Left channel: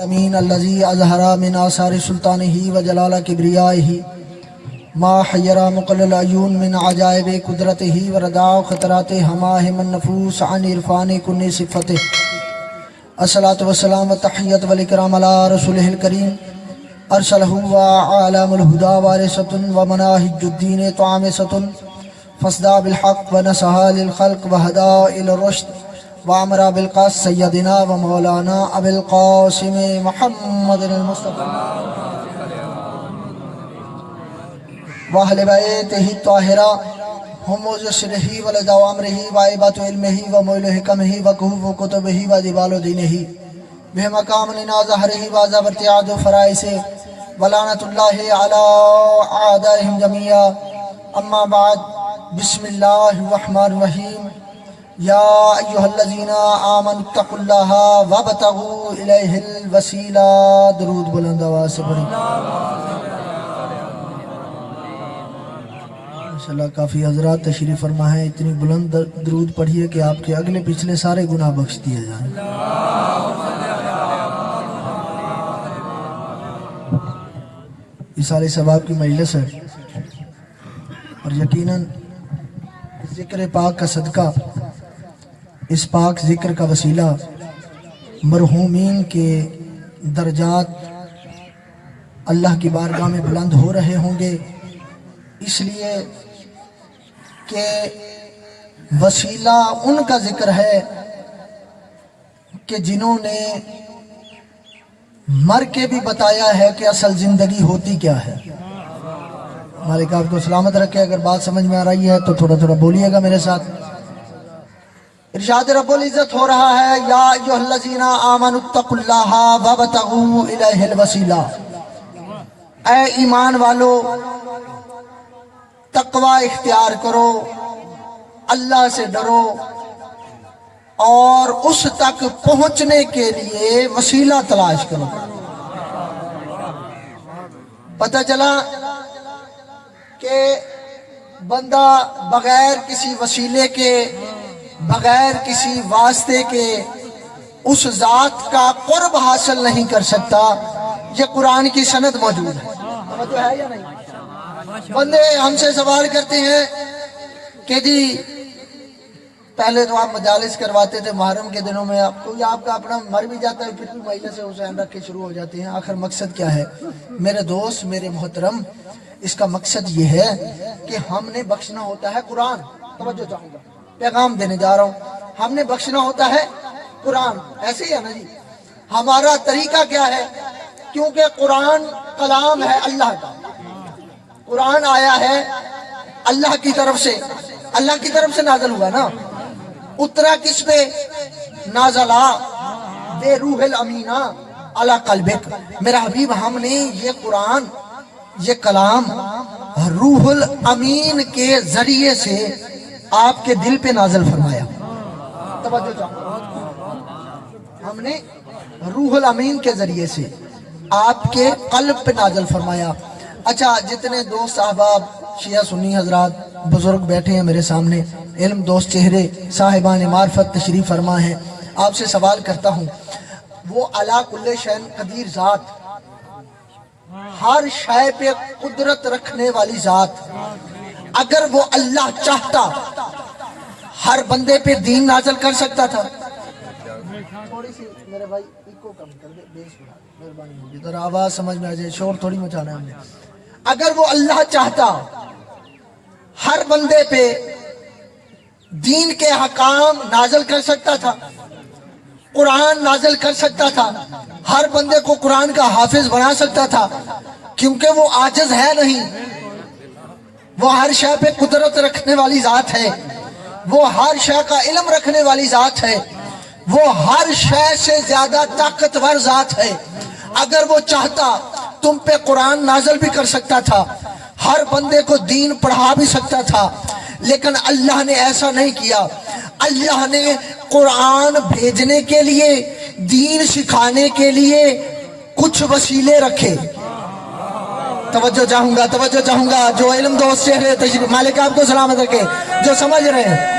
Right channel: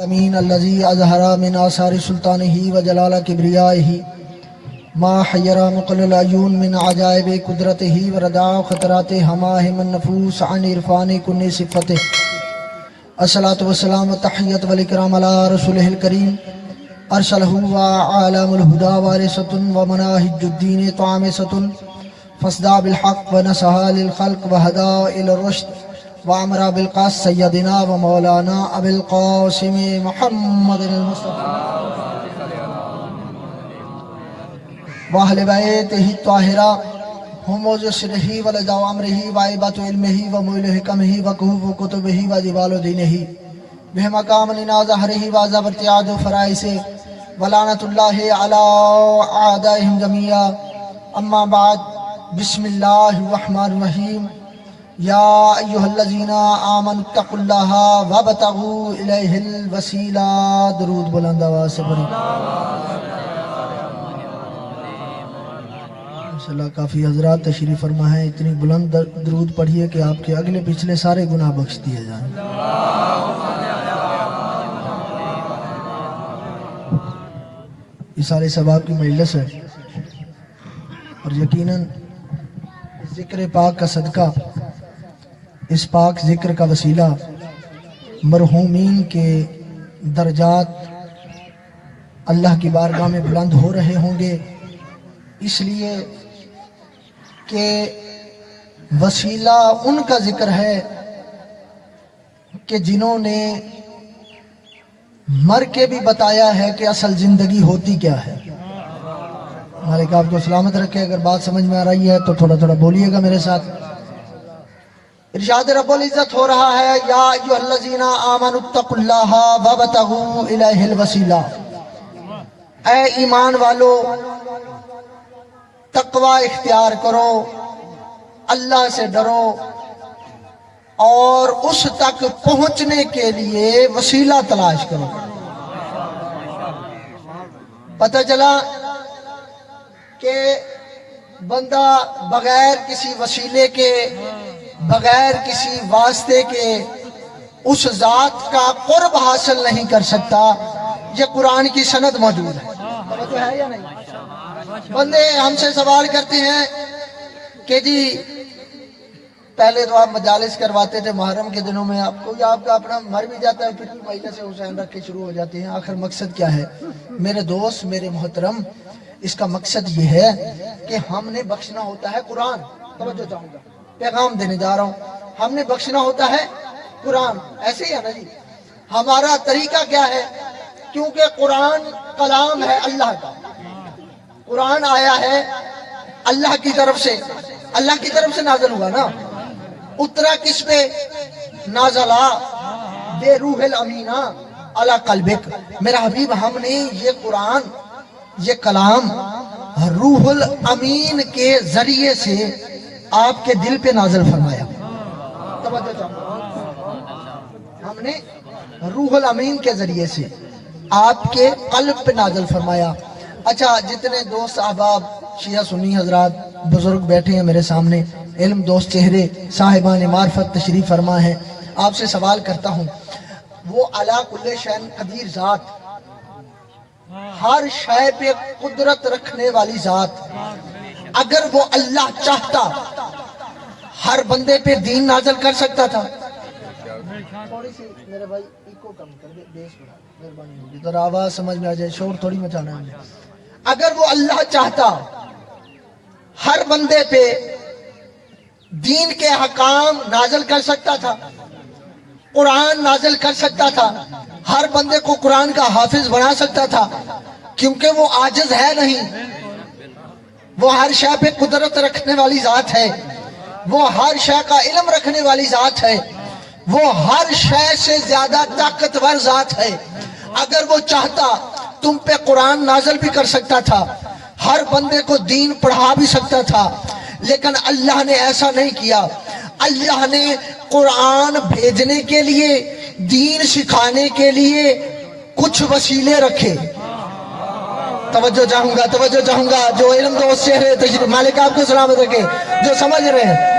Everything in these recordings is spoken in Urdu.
امین الذی اظہر من آثار سلطانہ و جلال کبریائہ ما حیر مقل العیون من عجائب قدرتہ و رداء خطرات ہماہ من نفوس عن عرفان کن صفتہ الصلاۃ والسلام والتحیۃ والاکرام علی رسولہ الکریم ارسلہ وعلام الہدی وارثۃ ومناہج الدین طامسۃ فاصدع بالحق ونصح للخلق وہدی الی الرشد وامر بالقاس سیدنا و مولانا ابو القاسم محمد المصطفى واہل بیتہ الطاہرہ ہم وزسرہ ولداء امرہ وعیبات علمہ ومول حکمہ وکہوف کتبہ وجبال دینہ بمقام لنا ظہرہ وعذاب ارتعاد فرائسہ ولعنت اللہ علی اعدائہم جميعا اما بعد بسم اللہ الرحمن الرحیم یا ایہا الذین آمنوا اتقوا اللہ وابتغوا الیہ الوسیلہ درود بلند آواز سے پڑھیں ماشاءاللہ کافی حضرات تشریف فرما ہے اتنی بلند درود پڑھیے کہ آپ کے اگلے پچھلے سارے گناہ بخش دیے جائیں اس سارے ثواب کی مجلس ہے اور یقیناً ذکر پاک کا صدقہ اس پاک ذکر کا وسیلہ مرحومین کے درجات اللہ کی بارگاہ میں بلند ہو رہے ہوں گے اس لیے کہ وسیلہ ان کا ذکر ہے کہ جنہوں نے مر کے بھی بتایا ہے کہ اصل زندگی ہوتی کیا ہے مالک آپ کو سلامت رکھے اگر بات سمجھ میں آ رہی ہے تو تھوڑا تھوڑا بولیے گا میرے ساتھ ارشاد رب العزت ہو رہا ہے یا ایھا الذین آمنوا اتقوا اللہ وابتغوا الیہ الوسیلہ اے ایمان والو تقوی اختیار کرو اللہ سے ڈرو اور اس تک پہنچنے کے لیے وسیلہ تلاش کرو پتہ چلا کہ بندہ بغیر کسی وسیلے کے بغیر کسی واسطے کے اس ذات کا قرب حاصل نہیں کر سکتا یہ قرآن کی سند موجود ہے توجہ ہے یا نہیں بندے ہم سے سوال کرتے ہیں کہ جی پہلے تو آپ مجالس کرواتے تھے محرم کے دنوں میں آپ کو آپ کا اپنا مر بھی جاتا ہے پھر بھی مہینے سے حسین رکھ کے شروع ہو جاتے ہیں آخر مقصد کیا ہے میرے دوست میرے محترم اس کا مقصد یہ ہے کہ ہم نے بخشنا ہوتا ہے قرآن توجہ چاہوں گا پیغام دینے جا رہا ہوں ہم نے بخشنا ہوتا ہے قرآن ایسے ہی ہے نا جی ہمارا طریقہ کیا ہے کیونکہ قرآن کلام ہے اللہ کا قرآن آیا ہے اللہ کی طرف سے نازل ہوا نا اترا کس پہ نازلہ بے روح الامینہ علی قلبک میرا حبیب ہم نے یہ قرآن یہ کلام روح الامین کے ذریعے سے آپ کے دل پہ نازل فرمایا توجہ چاہوں ہم نے روح الامین کے ذریعے سے آپ کے قلب پہ نازل فرمایا اچھا جتنے دوست احباب شیعہ سنی حضرات بزرگ بیٹھے ہیں میرے سامنے علم دوست چہرے صاحبان معرفت تشریف فرما ہے آپ سے سوال کرتا ہوں وہ علی کل شیء قدیر ذات ہر شے پہ قدرت رکھنے والی ذات اگر وہ اللہ چاہتا ہر بندے پہ دین نازل کر سکتا تھا تھوڑی سی میرے بھائی ایکو کم کر دے بیس بڑھا مہربانی ہوگی ذرا آواز سمجھ میں آ جائے شور تھوڑی مچانا ہے ہمیں اگر وہ اللہ چاہتا ہر بندے پہ دین کے حکام نازل کر سکتا تھا قرآن نازل کر سکتا تھا ہر بندے کو قرآن کا حافظ بنا سکتا تھا کیونکہ وہ عاجز ہے نہیں وہ ہر شے پہ قدرت رکھنے والی ذات ہے وہ ہر شے کا علم رکھنے والی ذات ہے وہ ہر شے سے زیادہ طاقتور ذات ہے اگر وہ چاہتا تم پہ قرآن نازل بھی کر سکتا تھا ہر بندے کو دین پڑھا بھی سکتا تھا لیکن اللہ نے ایسا نہیں کیا اللہ نے قرآن بھیجنے کے لیے دین سکھانے کے لیے کچھ وسیلے رکھے توجہ چاہوں گا جو علم دوست چہرے تشریف مالک آپ کو سلامت رکھے جو سمجھ رہے ہیں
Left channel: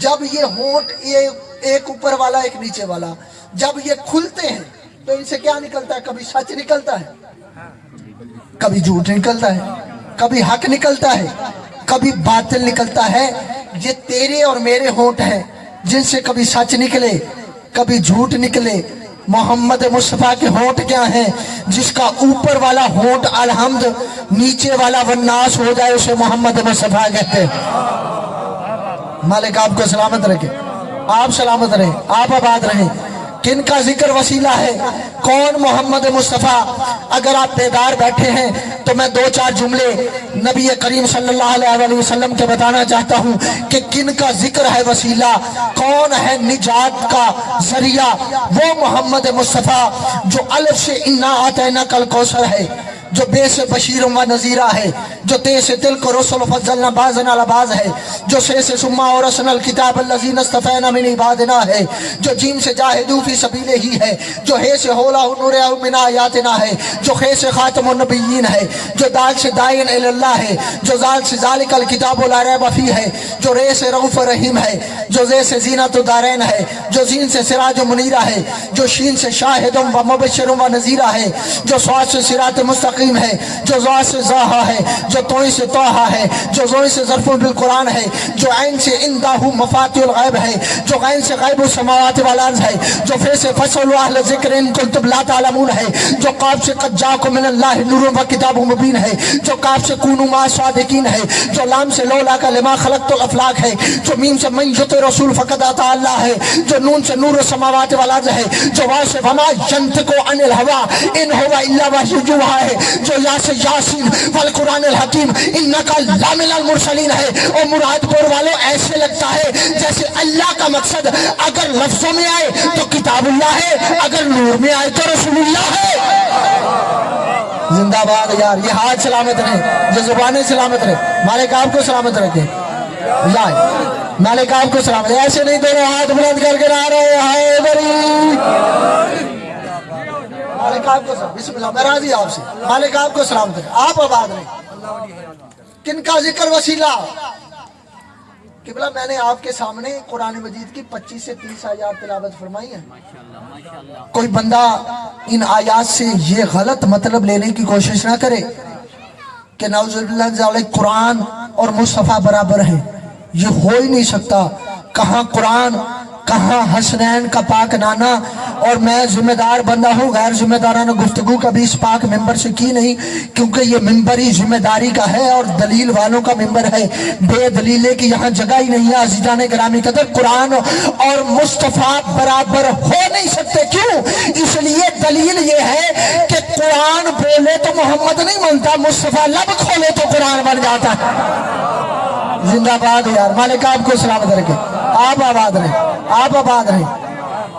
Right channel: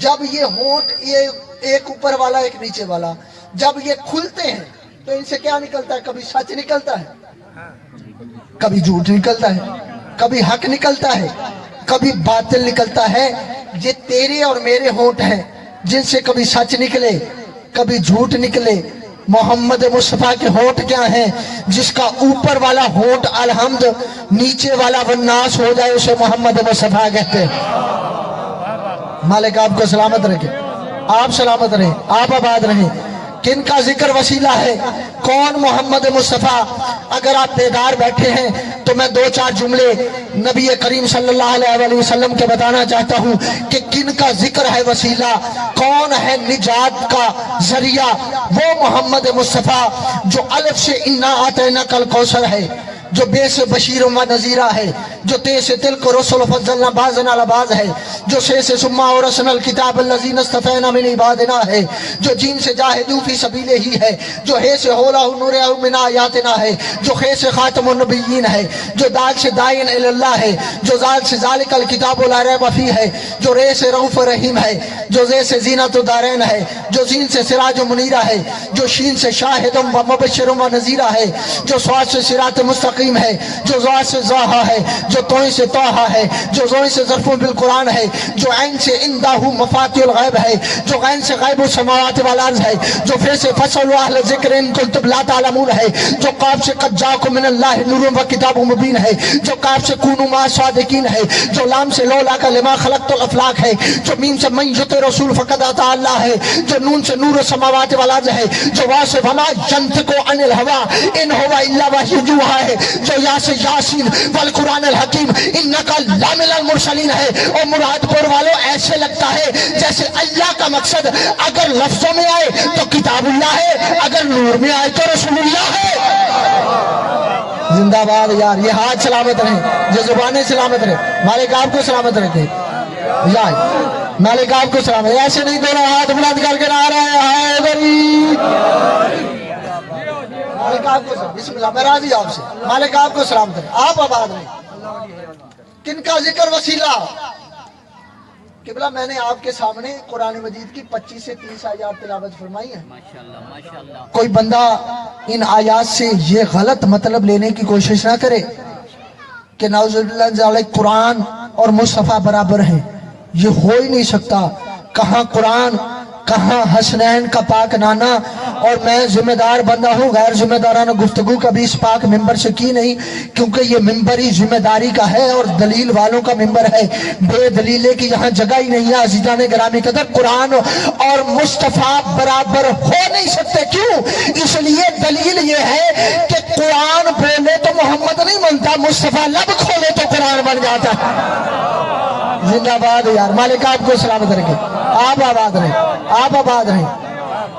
جب یہ ہونٹ یہ ایک اوپر والا ایک نیچے والا جب یہ کھلتے ہیں تو ان سے کیا نکلتا ہے؟ کبھی سچ نکلتا ہے، کبھی جھوٹ نکلتا ہے، کبھی حق نکلتا ہے، کبھی باطل نکلتا ہے۔ یہ تیرے اور میرے ہونٹ ہیں جن سے کبھی سچ نکلے کبھی جھوٹ نکلے۔ محمد مصطفیٰ کے ہونٹ کیا ہیں؟ جس کا اوپر والا ہونٹ الحمد، نیچے والا والناس ہو جائے اسے محمد مصطفیٰ کہتے ہیں۔ مالک آپ کو سلامت رکھے، آپ سلامت رہیں، آپ آباد رہیں۔ کن کا ذکر وسیلہ ہے؟ کون؟ محمد مصطفیٰ۔ اگر آپ بیدار بیٹھے ہیں تو میں دو چار جملے نبی کریم صلی اللہ علیہ وسلم کے بتانا چاہتا ہوں کہ کن کا ذکر ہے وسیلہ، کون ہے نجات کا ذریعہ۔ وہ محمد مصطفیٰ جو الف سے انا اعطیناک الکوثر ہے، جو بے سے بشیر و نذیرہ ہے، جو تے سے تلک رسل فضلنا بعضنا علی بعض ہے، جو سے سما ورثنا الکتاب الذین اصطفینا من عبادنا ہے، جو جیم سے جاہدوا فی سبیلہ ہی ہے، جو ہے سے ہولا نور من آیاتنا ہے، جو خے سے خاتم النبیین ہے، جو دال سے دائن الی اللہ ہے، جو زال سے ذالک الکتاب لا ریب فیہ ہے، جو رے سے رؤوف رحیم ہے، جو زے سے زینت الدارین ہے، جو زین سے سراج منیرہ ہے، جو شین سے شاہد و مبشر و نذیرہ ہے، جو صاد سے صراط مستقیم ہے، جو ذا سے ذاہا ہے، جو توئی سے طاہا ہے، جو زوئی سے ظرف بالقرآن ہے، جو عین سے اندہ مفاتیح الغیب ہے، جو غین سے غیب السماوات والارض ہے، جو فے سے فصل اہل ذکر ان کنتم لا تعلمون ہے، جو قاف سے قد جاءکم من اللہ نور و کتاب مبین ہے، جو کاف سے کونوا مع صادقین ہے، جو لام سے لولا کا لما خلقت الافلاق ہے، جو میم سے من یطع رسول فقد اطاع اللہ ہے، جو نون سے نور السماوات والارض ہے، جو وا سے وما ینطق عن الهوى ان هو الا وحی یوحی ہے، جو یا سے یاسین والقرآن الحکیم انکا لامن المرسلین ہے۔ اور مراد پور والوں ایسے لگتا ہے جیسے اللہ کا مقصد اگر لفظوں میں آئے تو کتاب اللہ ہے، اگر نور میں آئے تو رسول اللہ ہے۔ زندہ باد یار، یہ ہاتھ سلامت رہے، یہ زبانیں سلامت رہے، مالک آپ کو سلامت رکھے، مالک آپ کو سلامت۔ ایسے نہیں دونوں ہاتھ بلند کر کے نہ رہے حیدری، مالک آپ کو سلام، بسم اللہ، میں راضی آپ سے، مالک آپ کو سلام کریں، آپ آباد رہیں۔ کن کا ذکر وسیلہ؟ قبلہ میں نے آپ کے سامنے قرآن مجید کی 25 سے 30 آیات تلاوت فرمائی ہے۔ کوئی بندہ ان آیات سے یہ غلط مطلب لینے کی کوشش نہ کرے کہ نعوذ باللہ قرآن اور مصطفیٰ برابر ہیں، یہ ہو ہی نہیں سکتا۔ کہاں قرآن، کہاں حسنین کا پاک نانا۔ اور میں ذمہ دار بندہ ہوں، غیر ذمہ دارانہ گفتگو کبھی اس پاک ممبر سے کی نہیں، کیونکہ یہ ممبر ہی ذمہ داری کا ہے اور دلیل والوں کا ممبر ہے، بے دلیلے کی یہاں جگہ ہی نہیں ہے۔ عزیزان گرامی قدر، قرآن اور مصطفیٰ برابر ہو نہیں سکتے۔ کیوں؟ اس لیے دلیل یہ ہے کہ قرآن بولے تو محمد نہیں بنتا، مصطفیٰ لب کھولے تو قرآن بن جاتا ہے۔ زندہ باد یار، مالک آپ کو سلامت رکھے، آپ آباد رہیں، آپ آباد رہیں۔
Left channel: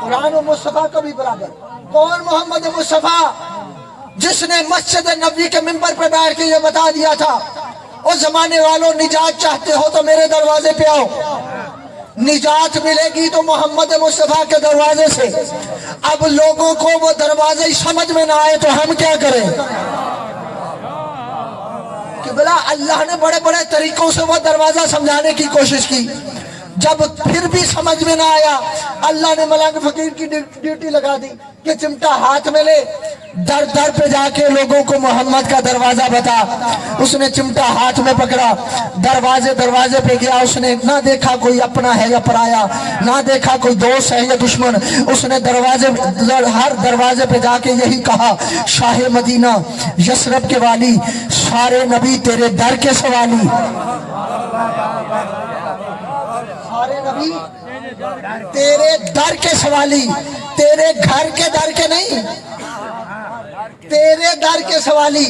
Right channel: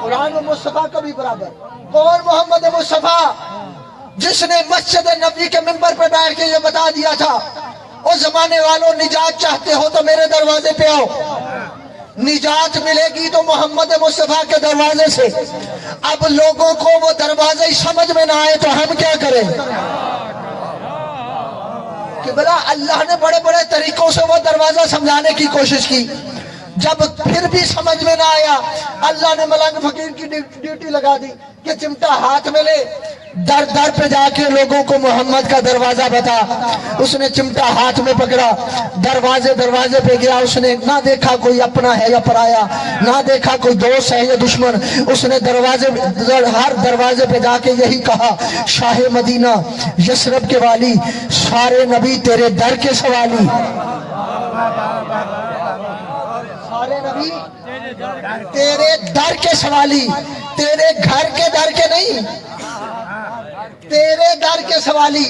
قرآن و مصطفیٰ کا بھی برابر۔ کون محمد مصطفیٰ؟ جس نے مسجد نبوی کے منبر پہ بیٹھ کے یہ بتا دیا تھا، اس زمانے والوں نجات چاہتے ہو تو میرے دروازے پہ آؤ، نجات ملے گی تو محمد مصطفیٰ کے دروازے سے۔ اب لوگوں کو وہ دروازے سمجھ میں نہ آئے تو ہم کیا کریں؟ کہ بلا اللہ نے بڑے بڑے طریقوں سے وہ دروازہ سمجھانے کی کوشش کی، جب پھر بھی سمجھ میں نہ آیا، اللہ نے ملنگ فقیر کی ڈیوٹی لگا دی کہ چمٹا ہاتھ میں لے، در در پہ جا کے لوگوں کو محمد کا دروازہ بتا۔ اس نے چمٹا ہاتھ میں پکڑا، دروازے دروازے پہ گیا، اس نے نہ دیکھا کوئی اپنا ہے یا پرایا، نہ دیکھا کوئی دوست ہے یا دشمن، اس نے ہر دروازے پہ جا کے یہی کہا، شاہ مدینہ یثرب کے والی، سارے نبی تیرے در کے سوالی، سارے نبی تیرے در کے سوالی، تیرے گھر کے در کے نہیں، تیرے در کے سوالی۔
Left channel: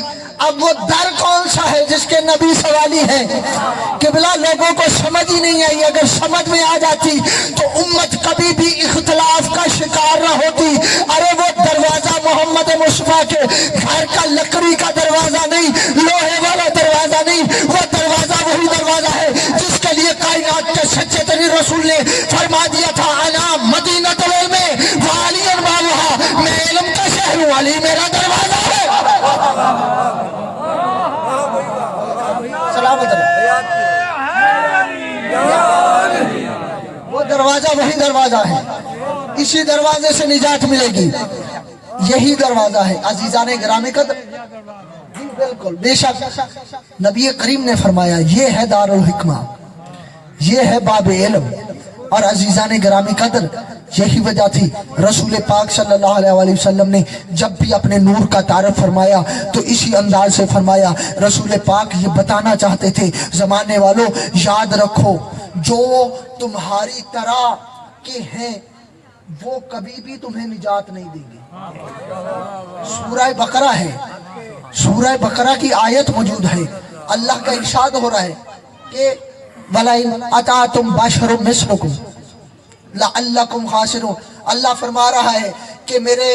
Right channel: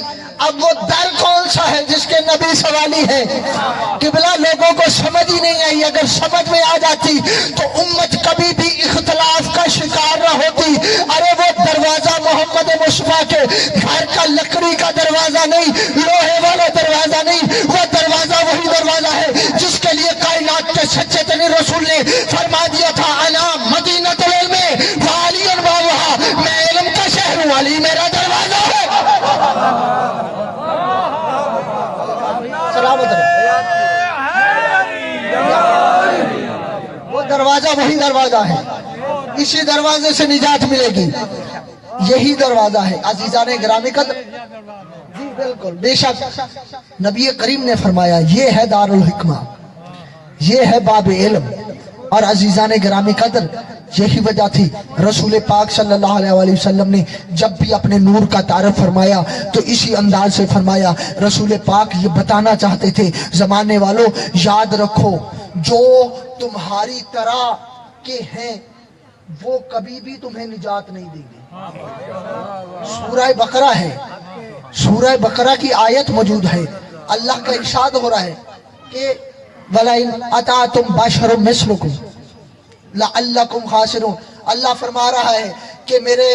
اب وہ در کون سا ہے جس کے نبی سوالی ہیں؟ قبلہ لوگوں کو سمجھ ہی نہیں آئی، اگر سمجھ میں آ جاتی تو امت کبھی بھی اختلاف کا شکار نہ ہوتی۔ ارے وہ دروازہ محمد مصطفیٰ کے گھر کا لکڑی کا دروازہ نہیں، لوہے والا دروازہ نہیں، وہ دروازہ وہی دروازہ ہے جس کے لیے کائنات کے سچے ترین رسول نے فرما دیا تھا، انا مدینۃ العلم وعلی بابھا، میں علم کا شہر ہوں، علی میرا دروازہ ہے۔ سلامت رہے۔ وہ دروازہ وہی دروازہ ہے, اسی دروازے سے نجات ملے گی, یہی دروازہ ہے. عزیزان گرامی قدر, جی بالکل بے شک نبی کریم نے فرمایا یہ ہے دار الحکمہ, یہ ہے باب علم. اور عزیزان گرامی قدر یہی وجہ تھی رسول پاک صلی اللہ علیہ وآلہ وسلم نے جب بھی اپنے نور کا تعارف فرمایا تو اسی انداز سے فرمایا. رسول پاک یہ بتانا چاہتے تھے زمانے والوں یاد رکھو جو تمہاری طرح کے ہیں وہ کبھی بھی تمہیں نجات نہیں دیں گے. سورہ بقرہ ہے, سورہ بقرہ کی آیت موجود ہے. اللہ کا ارشاد ہو رہا ہے کہ وَلَئِنْ أَطَعْتُمْ بَشَرٌ مِثْلُكُمْ لَعَلَّكُمْ خَاسِرُونَ. اللہ فرما رہا ہے کہ میرے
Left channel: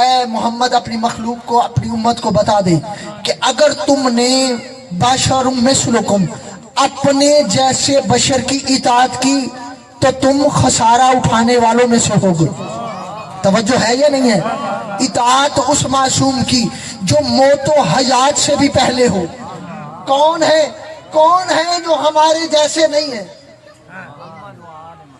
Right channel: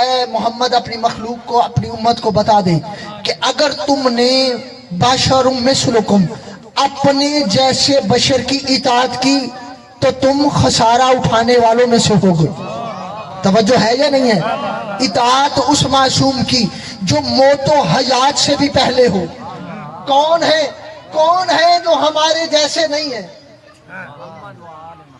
اے محمد اپنی مخلوق کو, اپنی امت کو بتا دے کہ اگر تم نے بَشَرٌ مِثْلُكُمْ اپنے جیسے بشر کی اطاعت کی تو تم خسارہ اٹھانے والوں میں سے ہوگے. توجہ ہے یا نہیں ہے؟ اطاعت اس معصوم کی جو موت و حیات سے بھی پہلے ہو. کون ہے, کون ہے جو ہمارے جیسے نہیں ہے؟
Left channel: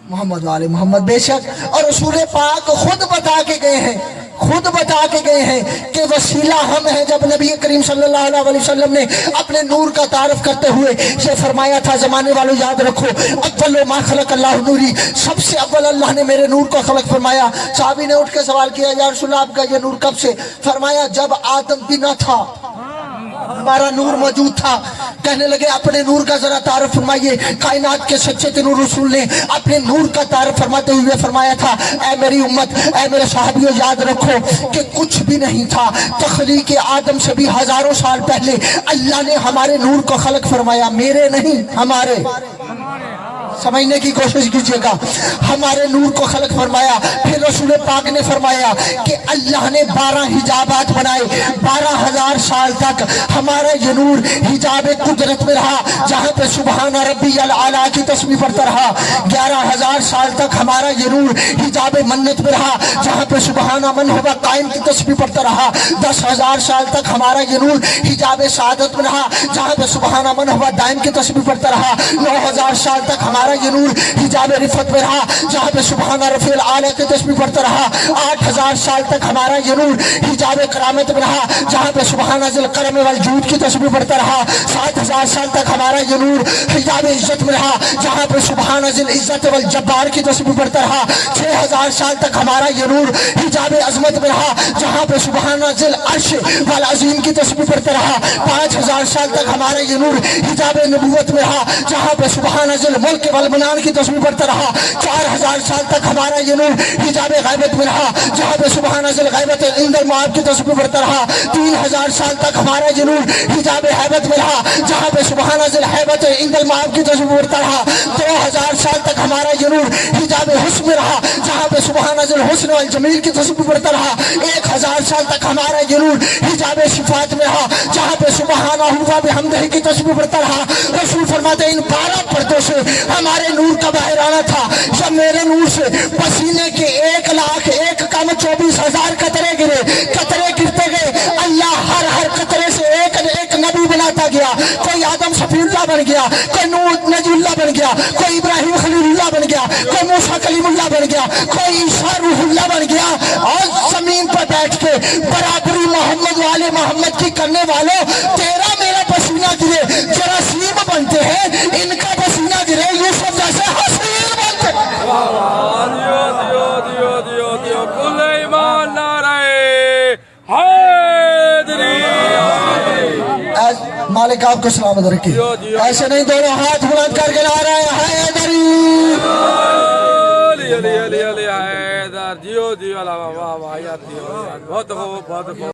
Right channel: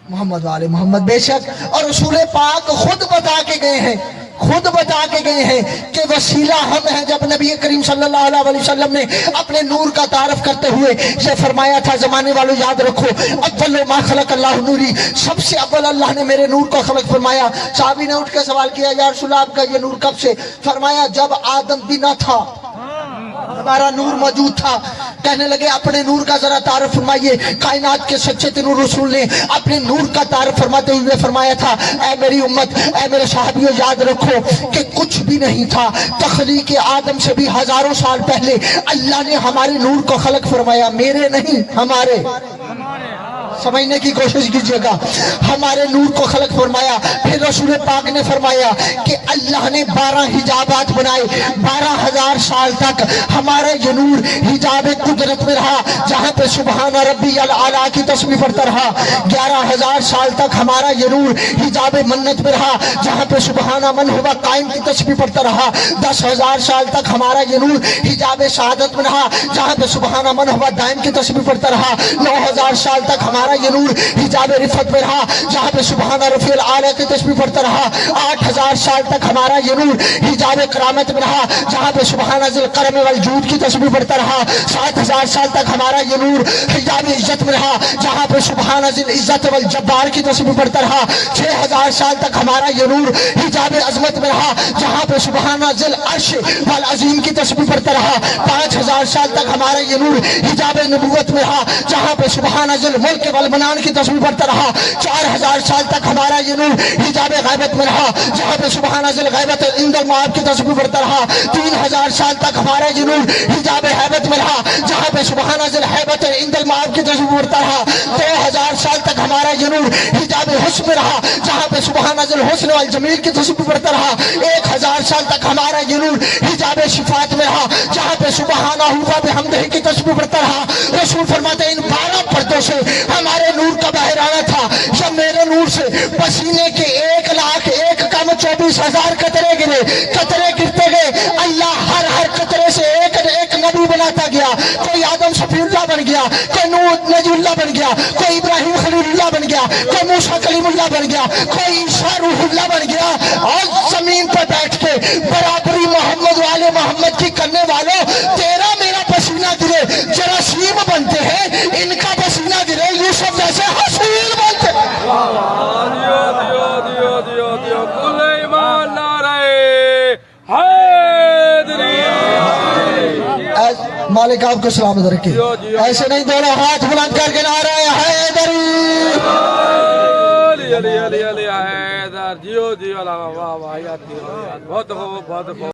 محمد والے محمد. بے شک, اور رسول پاک خود بتا کے گئے ہیں, خود بتا کے گئے ہیں کہ وسیلہ ہم ہیں. جب نبی کریم صلی اللہ علیہ وسلم نے اپنے نور کا تعارف کرتے ہوئے یہ فرمایا تھا زمانے والوں یاد رکھو اول ما خلق اللہ نوری, سب سے اول اللہ نے میرے نور کو خلق فرمایا. صحابی نے اٹھ کے سوال کیا یا رسول اللہ آپ کا یہ نور کب سے؟ فرمایا جب آدم بھی نہ تھا ہمارا نور موجود تھا. کہنے لگے اپنے نور کا ذرا تعارف فرمائیے. کائنات کے سچے نور رسول نے اپنے نور کا تعارف فرماتے ہوئے فرمایا تھا اے میری امت, اے میرے صحابیوں یاد رکھو کہ کچھ بھی نہیں تھا. تخلیق آدم سے بھی ہزاروں سال پہلے اللہ نے ہمارے نور کو خلق فرمایا, میرے نہیں ہمارے. سمجھنے کی کوشش کیجئے گا, ہمارے نور کو خلق فرمایا. پھر رسول پاک نے فرمایا کہ اللہ نے 12 حجابات بنائے, 12,000 سال تک ہمارے یہ نور حجاب قدرت میں رہا جہاں پہ سبحان ربی الاعلیٰ کی تسبیح پڑھتا رہا. 11,000 سال تک ہمارا یہ نور حجاب منت میں رہا جہاں پہ سبحان من ہوا قائم کی تسبیح پڑھتا رہا. 10,000 سال تک ہمارا یہ نور حجاب سعادت میں رہا جہاں پہ سبحان من ہوا دائم کی تسبیح پڑھتا رہا. 9,000 سال تک ہمارا یہ نور حجاب رفت میں رہا جہاں پہ سبحان رفیع الاعلیٰ کی تسبیح پڑھتا رہا. 8,000 سال تک ہمارا یہ نور حجاب کرامت میں رہا جہاں پہ سبحان ذی الکرم والجود کی تسبیح پڑھتا رہا. 7,000 سال تک ہمارا یہ نور حجاب عزت میں رہا جہاں پہ سبحان ذی العزت والجبار کی تسبیح پڑھتا رہا. 6,000 سال تک ہمارا یہ نور حجاب عظمت میں رہا جہاں پہ سبحان ذی العرش والعظیم کی تسبیح پڑھتا رہا. 5,000 سال تک ہمارا یہ نور حجاب نبوت میں رہا جہاں پہ سبحان ذی الملک والمنان کی تسبیح پڑھتا رہا. 4,000 سال تک ہمارا یہ نور حجاب غیبت میں رہا جہاں پہ سبحان ذی الغیبت عند المعاد کی تسبیح پڑھتا رہا. 3,000 سال تک ہمارا یہ نور حجاب حیبت میں رہا جہاں پہ سبحان ذی الحیبت عند المعاد کی تسبیح پڑھتا رہا. 2,000 سال تک ہمارا یہ نور حجاب حسن میں رہا جہاں پہ سبحان ذی الحسن والجمیل کی تسبیح پڑھتا رہا. 1,000 سال تک ہمارا یہ نور حجاب صفات میں رہا جہاں پہ سبحانہ و بحمدہ کی تسبیح پڑھتا رہا. رسول فرماتے ہیں ان 12 پردوں سے ہمارے نور کا باہر آنا تھا. جب میرے نور سے پسینے کے 1,01,000 کم 24,000 قطرے گرے, قطرے گرتے گئے, اللہ ہر قطرے سے ایک نبی بناتا گیا. کوئی آدم صفی اللہ بن گیا, کوئی نوح نجی اللہ بن گیا, کوئی ابراہیم خلیل اللہ بن گیا, کوئی موسیٰ کلیم اللہ بن گیا, کوئی عیسیٰ روح اللہ بن گیا. اور زمین پر بیٹھ کے برابری محمد والے محمد کی کرنے والوں, تیرا میرا پسینہ گرے جراثیم بنتے ہیں, ان کا پسینہ گرے یوسف جیسے حسین بنتے ہیں. دیو کل ایمان نعرہ حیدری. مالک آپ کو سلامت رکھے. ایسے نہیں دونوں ہاتھ بلند کر کے نعرہ حیدری. علی علی علی حیدر. جیو واہ واہ بہت خوب بہت خوب.